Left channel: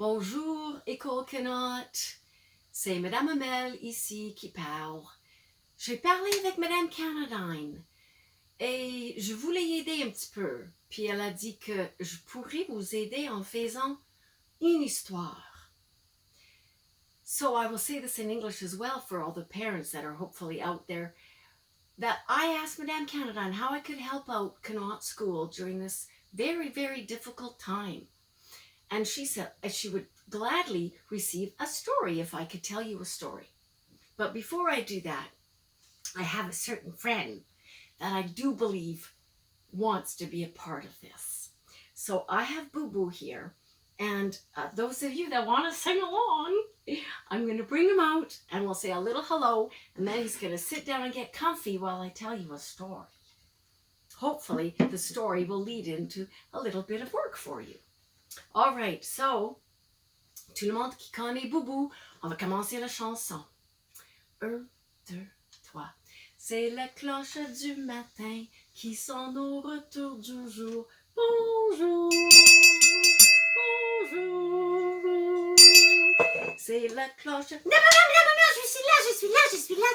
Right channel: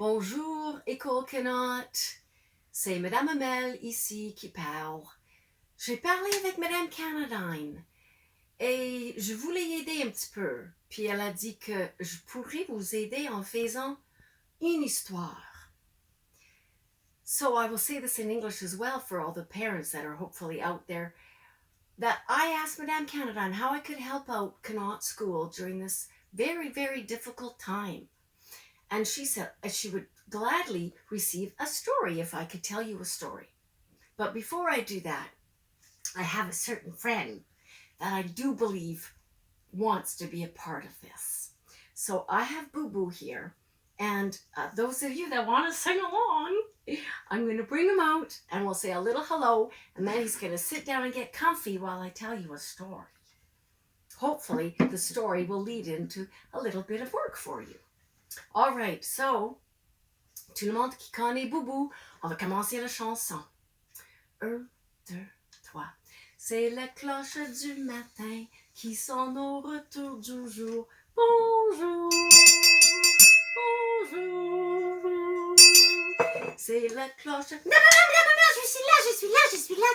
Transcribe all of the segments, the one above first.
Bonjour, École Canotte. C'est Madame Amel ici qui parle. J'ai parlé avec Madame Canadine et je voulais aider un petit peu. Puis elle a dit que je pourrais vous aider en faisant une histoire. So I will say this in English as well for all the parents that are hopefully out there. That I asked Madame Canadine how I could help out Canotte School during this very, very difficult time. And she said she would gladly receive a story if I could tell you a story. But before I do that, I have a certain friend that I do believe wants to be a part of this. So I have Boo Boo here. And those of you that want to sing along, I'm going to bring him out and we'll say a little hello. And then he's going to sit down and get comfy while I tell you a story. Hopefully, the story will lead into a little bit of work for you. All right, so, tout le monde qui connaît Boubou, on va commencer la chanson. 1, 2, 3. C'est la cloche du matin qui sonne au retour du jour. Bonjour, bonjour. C'est la cloche... Non, je suis là.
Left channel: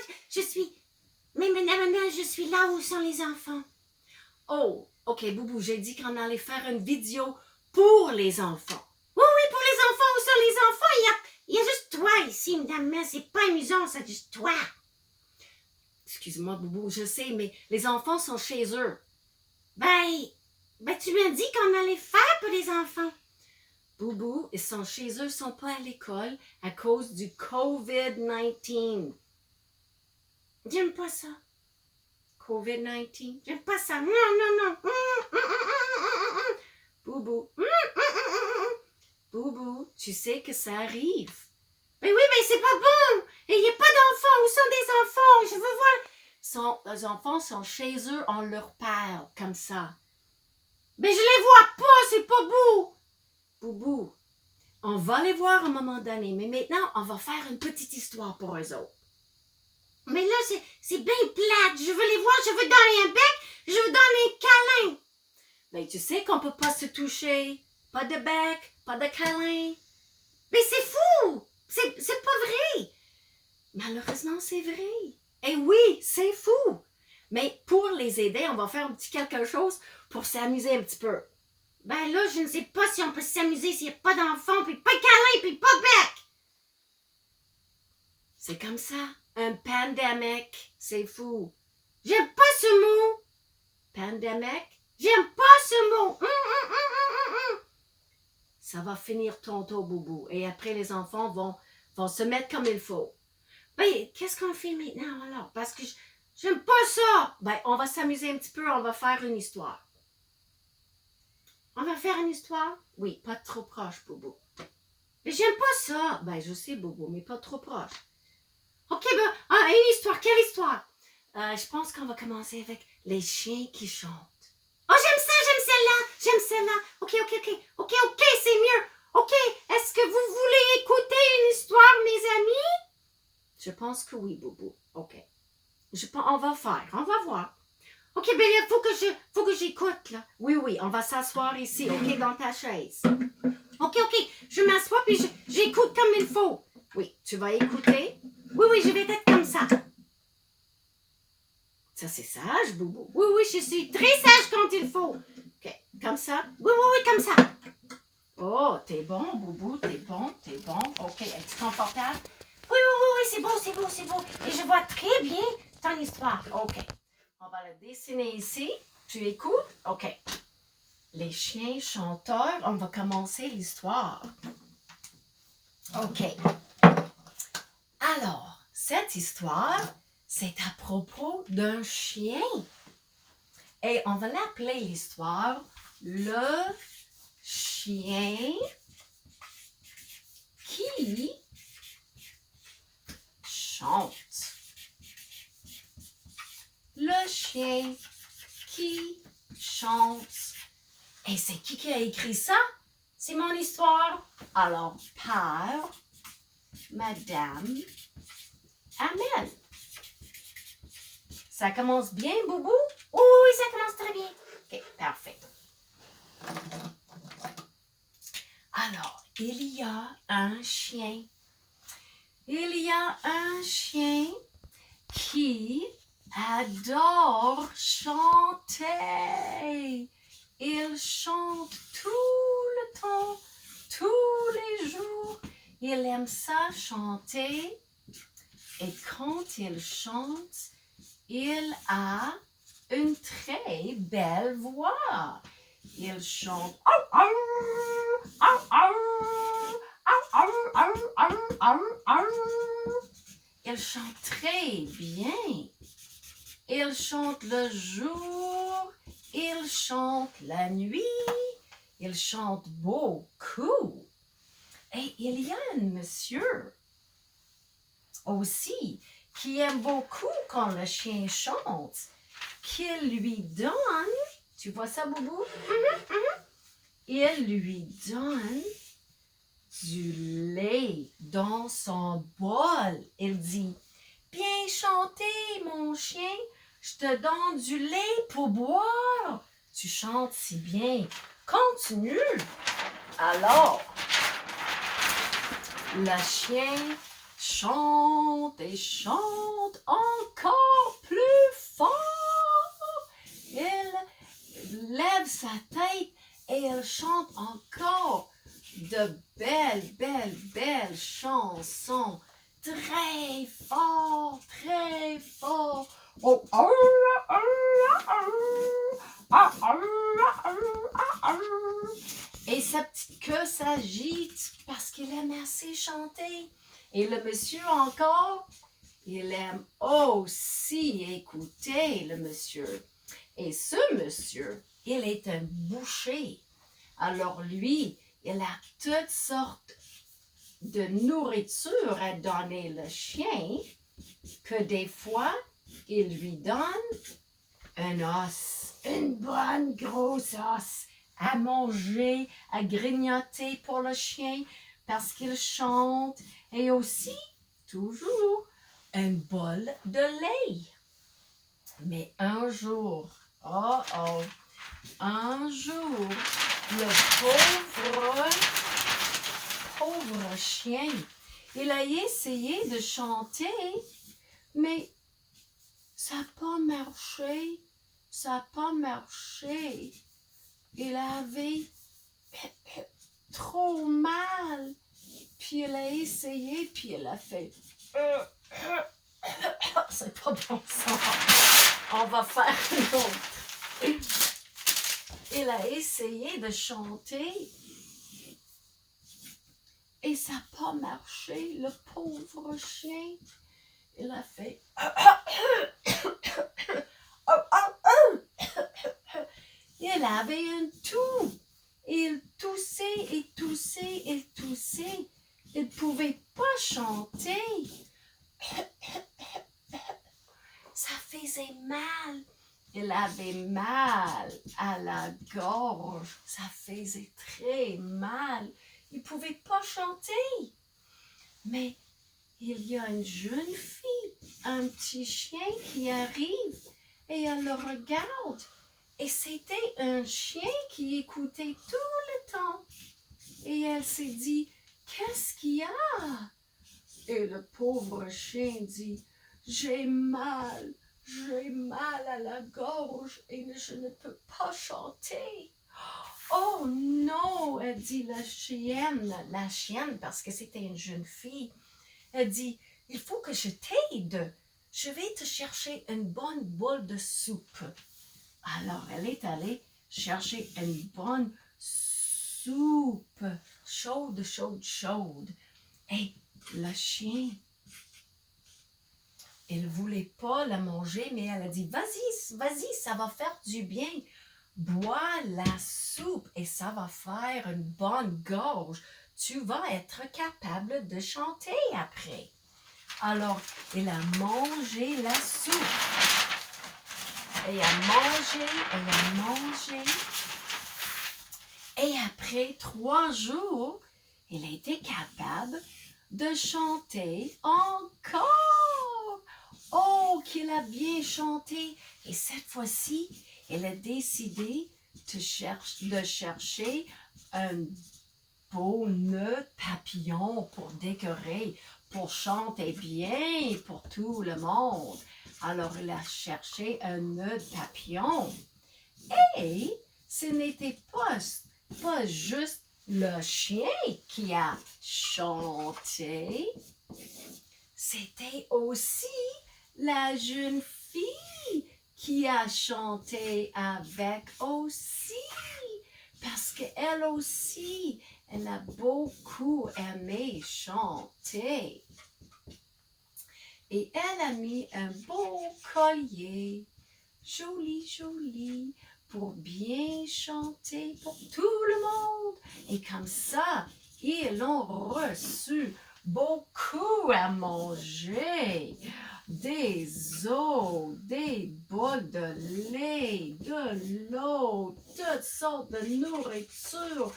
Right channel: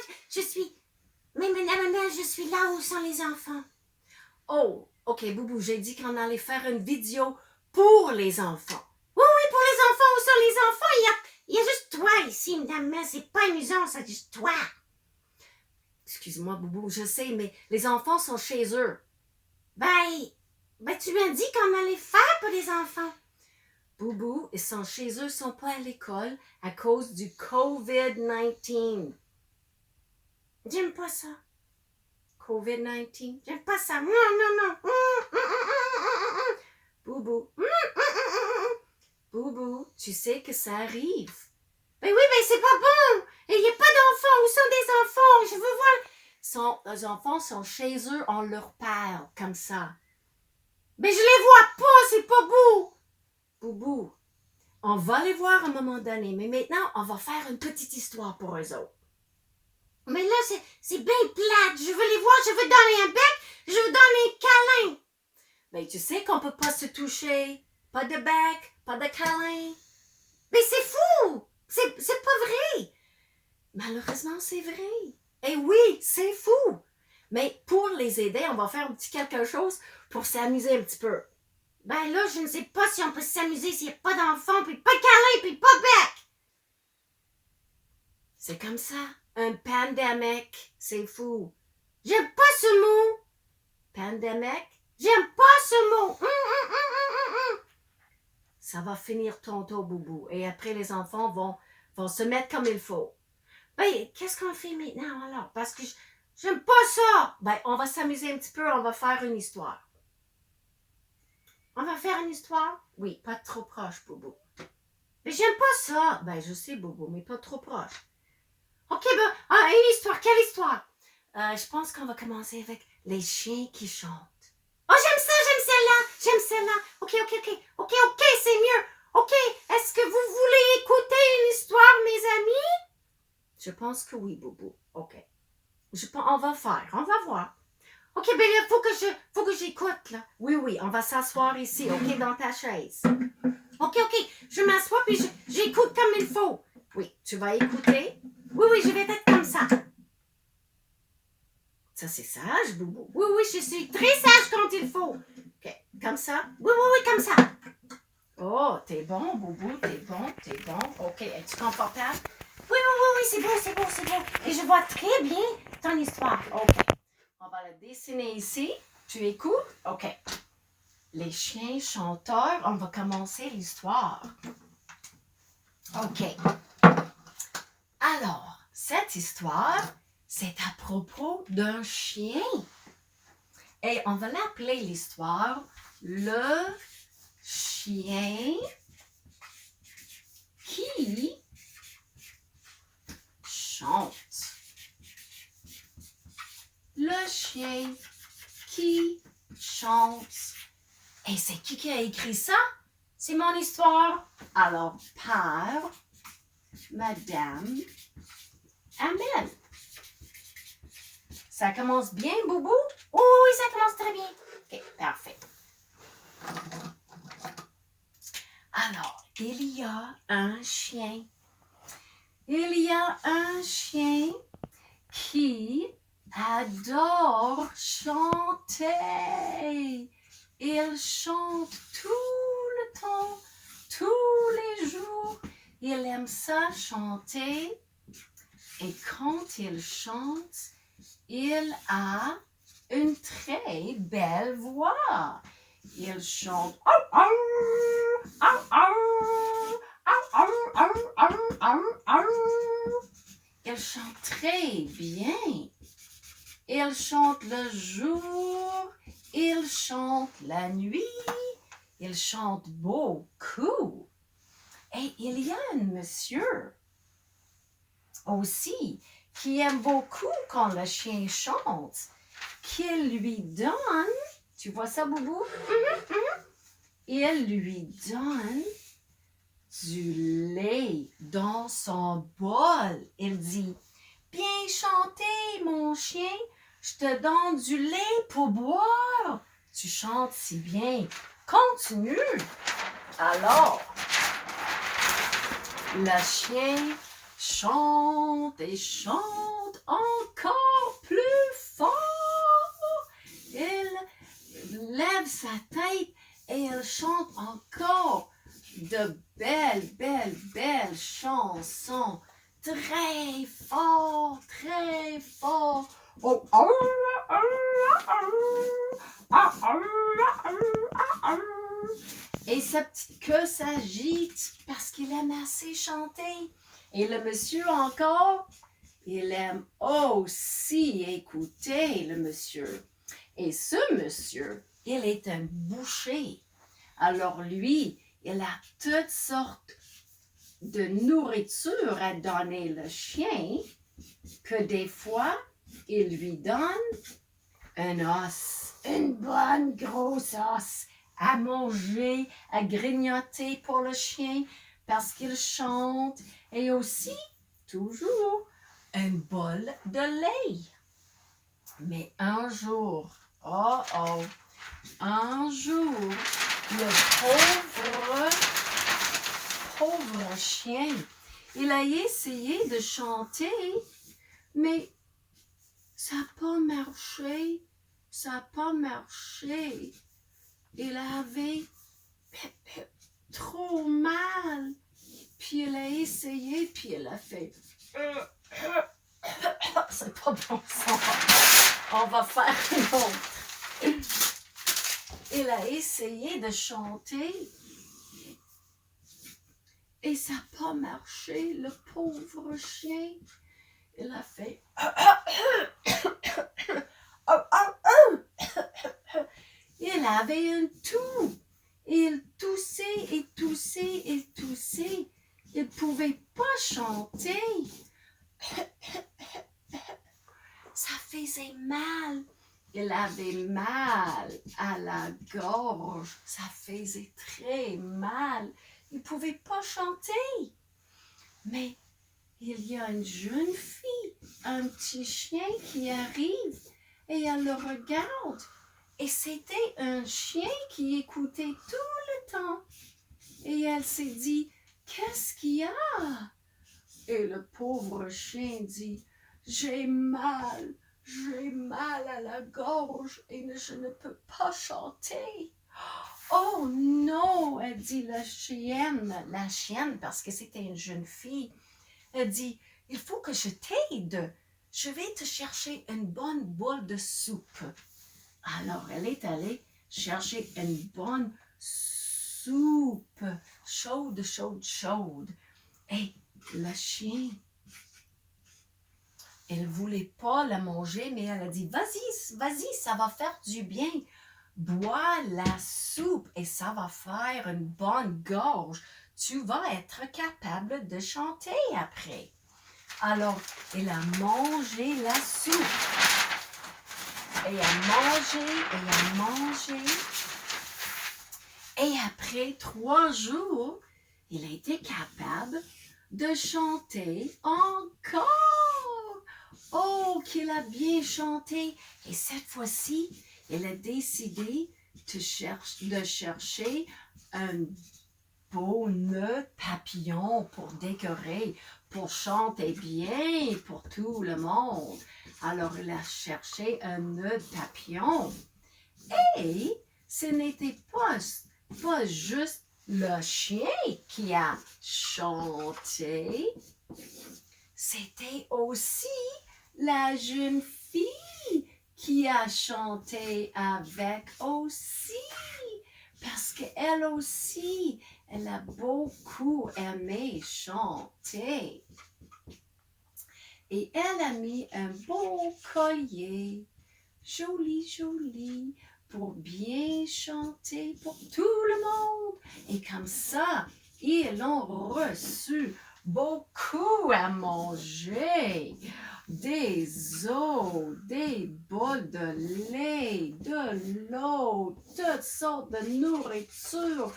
Mais madame, je suis là où sont les enfants. Oh, ok, Boubou, j'ai dit qu'on allait faire une vidéo pour les enfants. Oui, pour les enfants, où sont les enfants? Il y a juste toi ici, madame, c'est pas amusant, c'est juste toi. Excuse-moi, Boubou, je sais, mais les enfants sont chez eux. Ben, tu m'as dit qu'on allait faire pour les enfants. Boubou, ils sont chez eux, ils sont pas à l'école à cause du COVID-19. J'aime pas ça. COVID-19? J'aime pas ça. Non. Boubou. Boubou, tu sais que ça arrive. Ben oui, c'est pas bon. Il n'y a pas d'enfants. Où sont des enfants? Je veux voir. Les enfants sont chez eux, on leur parle comme ça. Mais je les vois pas, c'est pas beau. Boubou, on va les voir à un moment donné, mais maintenant, on va faire une petite histoire pour eux autres. Mais là, c'est bien plate. Je veux les voir, je veux donner un bec, je veux donner un câlin. Mais tu sais qu'on peut pas se toucher. Pas de bec, pas de câlin. Mais c'est fou. C'est pas vrai. Malheureusement, c'est vrai. Et oui, c'est fou. Mais pour les aider, on va faire un petit quelque chose pour s'amuser un petit peu. Ben là, je ne sais pas si on peut s'amuser s'il n'y a pas d'enfants, puis pas de câlin, puis pas de bec. C'est comme ça. Un pandemic. C'est fou. J'aime pas ce mot. Pandemic? J'aime pas ce mot. Ça va finir tantôt, Boubou. Et après, les enfants vont se mettre comme il faut. Ben, qu'est-ce qu'on fait maintenant alors? Parce que j'aime pas ça. Ben, on va s'amuser un petit peu. On va faire une histoire. On va faire une histoire? Oui, pas trop proche, Boubou. Mais j'aime pas ça. Ben, je sais, Boubou, mais pas trop proche. OK, une histoire. Quelle histoire? Je pense qu'on va commencer avec les chiens qui chantent. Oh, j'aime celle-là. OK, c'est mieux. OK, est-ce que vous voulez écouter une histoire, mes amis? Je pense que oui, Boubou. OK. On va voir. OK, ben là, faut que j'écoute, là. Oui, on va s'asseoir ici, OK, dans ta chaise. OK, je m'assois puis j'écoute comme il faut. Oui, tu vas écouter? Oui, je vais être comme ça. Ça, c'est sage, Boubou. Oui, je suis très sage quand il faut. OK, comme ça? Oui, comme ça. Oh, t'es bon, Boubou, t'es bon. OK, es-tu confortable? Oui, c'est bon. Et je vois très bien ton histoire. OK. On va le dessiner ici. Tu écoutes? OK. Les chiens chanteurs, on va commencer l'histoire. OK. Alors, cette histoire, c'est à propos d'un chien. Et on va l'appeler l'histoire Le chien qui chante. Le chien qui chante. Et c'est qui a écrit ça? C'est mon histoire. Alors, par Madame Amel. Ça commence bien, Boubou? Oui, ça commence très bien. OK, parfait. Alors, il y a un chien. Il y a un chien qui adore chanter. Il chante tout le temps, tous les jours. Il aime ça chanter. Et quand il chante, il a une très belle voix. Il chante. Il chante très bien. Il chante le jour. Il chante la nuit. Il chante beaucoup. Et il y a un monsieur aussi qui aime beaucoup quand le chien chante, qu'il lui donne, tu vois ça, Boubou? Il lui donne du lait dans son bol. Il dit, bien chanté, mon chien, je te donne du lait pour boire. Tu chantes si bien. Continue. Alors, le chien chante et chante encore plus fort. Il lève sa tête et il chante encore de belles chansons. Très fort, très fort. Et sa petite queue s'agite parce qu'il aime assez chanter. Et le monsieur encore, il aime aussi écouter le monsieur. Et ce monsieur, il est un boucher. Alors lui, il a toutes sortes de nourriture à donner le chien, que des fois, il lui donne un os, une bonne grosse os à manger, à grignoter pour le chien parce qu'il chante, et aussi, toujours, un bol de lait. Mais un jour, un jour, le pauvre chien, il a essayé de chanter, mais ça n'a pas marché. Ça n'a pas marché. Il avait trop mal. Puis il a essayé, puis il a fait. C'est pas bon ça. On va faire une autre. Il a essayé de chanter. Et ça n'a pas marché, le pauvre chien. Il a fait. Il avait un toux. Il toussait et toussait et toussait. Il ne pouvait pas chanter. Ça faisait mal. Il avait mal à la gorge. Ça faisait très mal. Il ne pouvait pas chanter. Mais il y a une jeune fille, un petit chien qui arrive et elle le regarde. Et c'était un chien qui écoutait tout le temps. Et elle s'est dit, qu'est-ce qu'il y a? Et le pauvre chien dit, j'ai mal à la gorge et je ne peux pas chanter. Oh non, elle dit la chienne, parce que c'était une jeune fille. Elle dit, il faut que je t'aide. Je vais te chercher une bonne boule de soupe. Alors, elle est allée chercher une bonne soupe, chaude. Et le chien, elle ne voulait pas la manger, mais elle a dit, vas-y, ça va faire du bien. Bois la soupe et ça va faire une bonne gorge. Tu vas être capable de chanter après. Alors, elle a mangé la soupe. Et a mangé. Et après 3 jours, il était capable de chanter encore. Oh, qu'il a bien chanté. Et cette fois-ci, elle a décidé de chercher un beaux nœuds papillons pour décorer, pour chanter bien pour tout le monde. Alors, il a cherché un nœud papillon. Et ce n'était pas juste le chien qui a chanté, c'était aussi la jeune fille qui a chanté avec aussi. Parce qu'elle aussi, elle a beaucoup aimé chanter. Et elle a mis un beau collier, joli, joli, pour bien chanter pour tout le monde. Et comme ça, ils ont reçu beaucoup à manger. Des os, des bols de lait, de l'eau, toutes sortes de nourriture.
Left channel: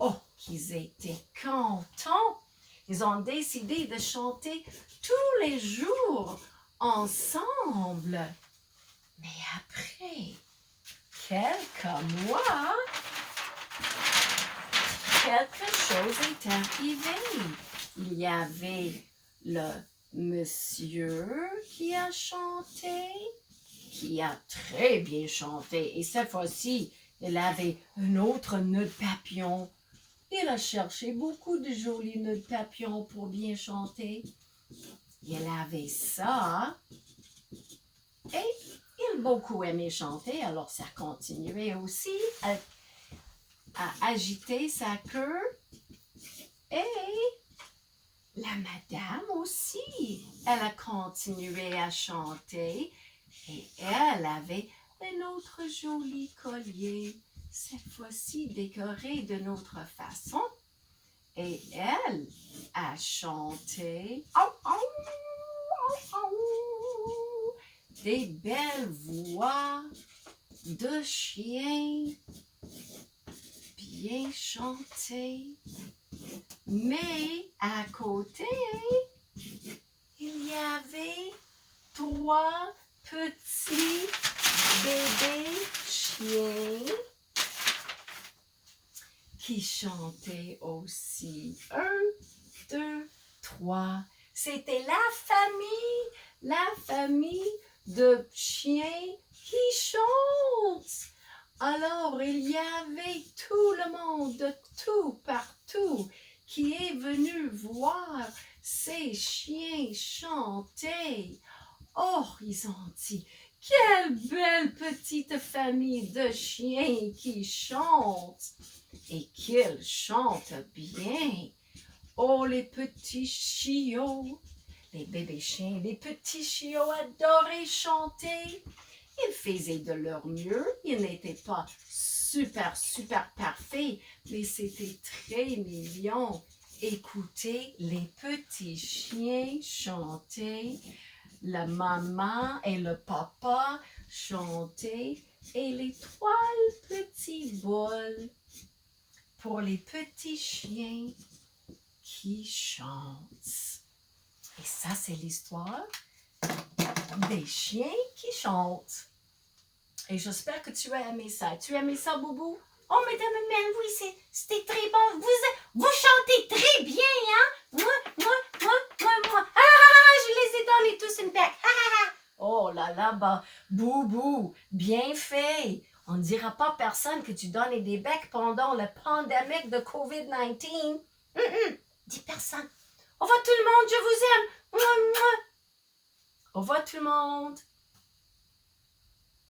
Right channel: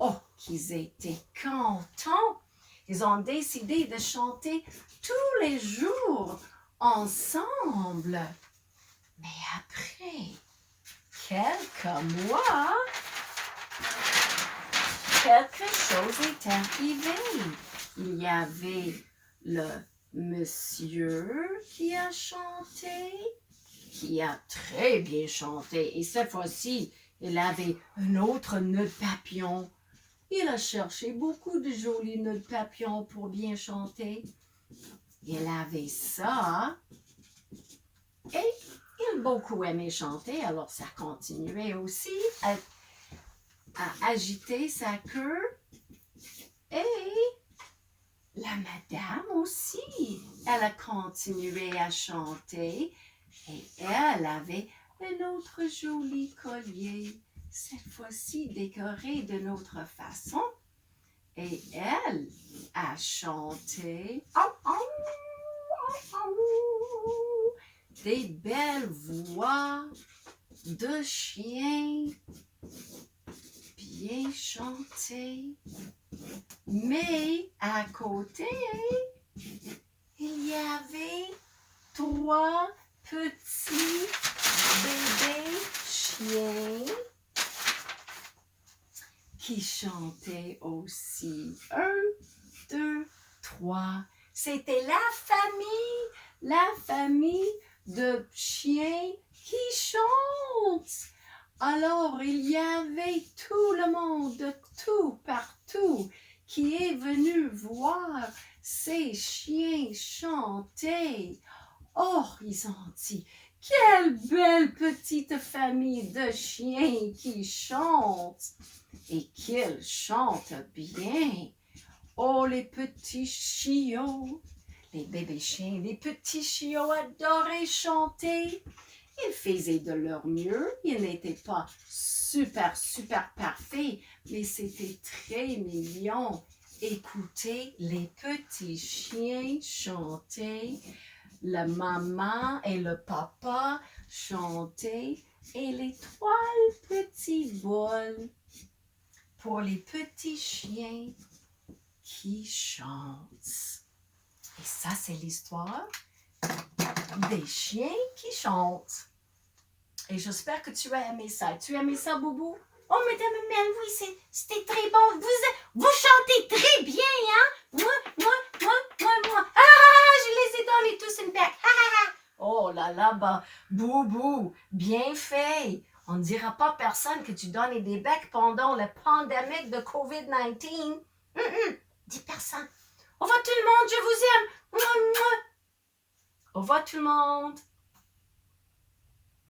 Oh, qu'ils étaient contents. Ils ont décidé de chanter tous les jours ensemble. Mais après quelques mois, quelque chose est arrivé. Il y avait le monsieur qui a chanté, qui a très bien chanté. Et cette fois-ci, il avait un autre nœud de papillon. Il a cherché beaucoup de jolis nœuds de papillon pour bien chanter. Il avait ça. Et il a beaucoup aimé chanter, alors ça continuait aussi à agiter sa queue. Et la madame aussi, elle a continué à chanter et elle avait un autre joli collier, cette fois-ci décoré d'une autre façon. Et elle a chanté des belles voix de chien bien chantées. Mais à côté, il y avait 3 petits bébés chiens qui chantaient aussi. 1, 2, 3. C'était la famille de chiens qui chantent. Alors, il y avait tout le monde de tout partout qui est venu voir ces chiens chanter. Oh, ils ont dit, quelle belle petite famille de chiens qui chantent et qu'ils chantent bien. Oh, les petits chiots, les bébés chiens, les petits chiots adoraient chanter. Ils faisaient de leur mieux. Ils n'étaient pas super parfaits, mais c'était très mignon. Écoutez les petits chiens chanter. La maman et le papa chantaient. Et les 3 petits bols pour les petits chiens qui chantent. Et ça, c'est l'histoire des chiens qui chantent. Et j'espère que tu as aimé ça. Tu as aimé ça, Boubou? Oh, Madame Mel, oui, c'était très bon. Vous chantez très bien, hein? Moi. Je les ai donnés tous une bec. Oh là là, bah, Boubou, bien fait. On ne dira pas à personne que tu donnes des becs pendant la pandémie de COVID-19. Dis personne. Au revoir tout le monde, je vous aime. Au revoir tout le monde.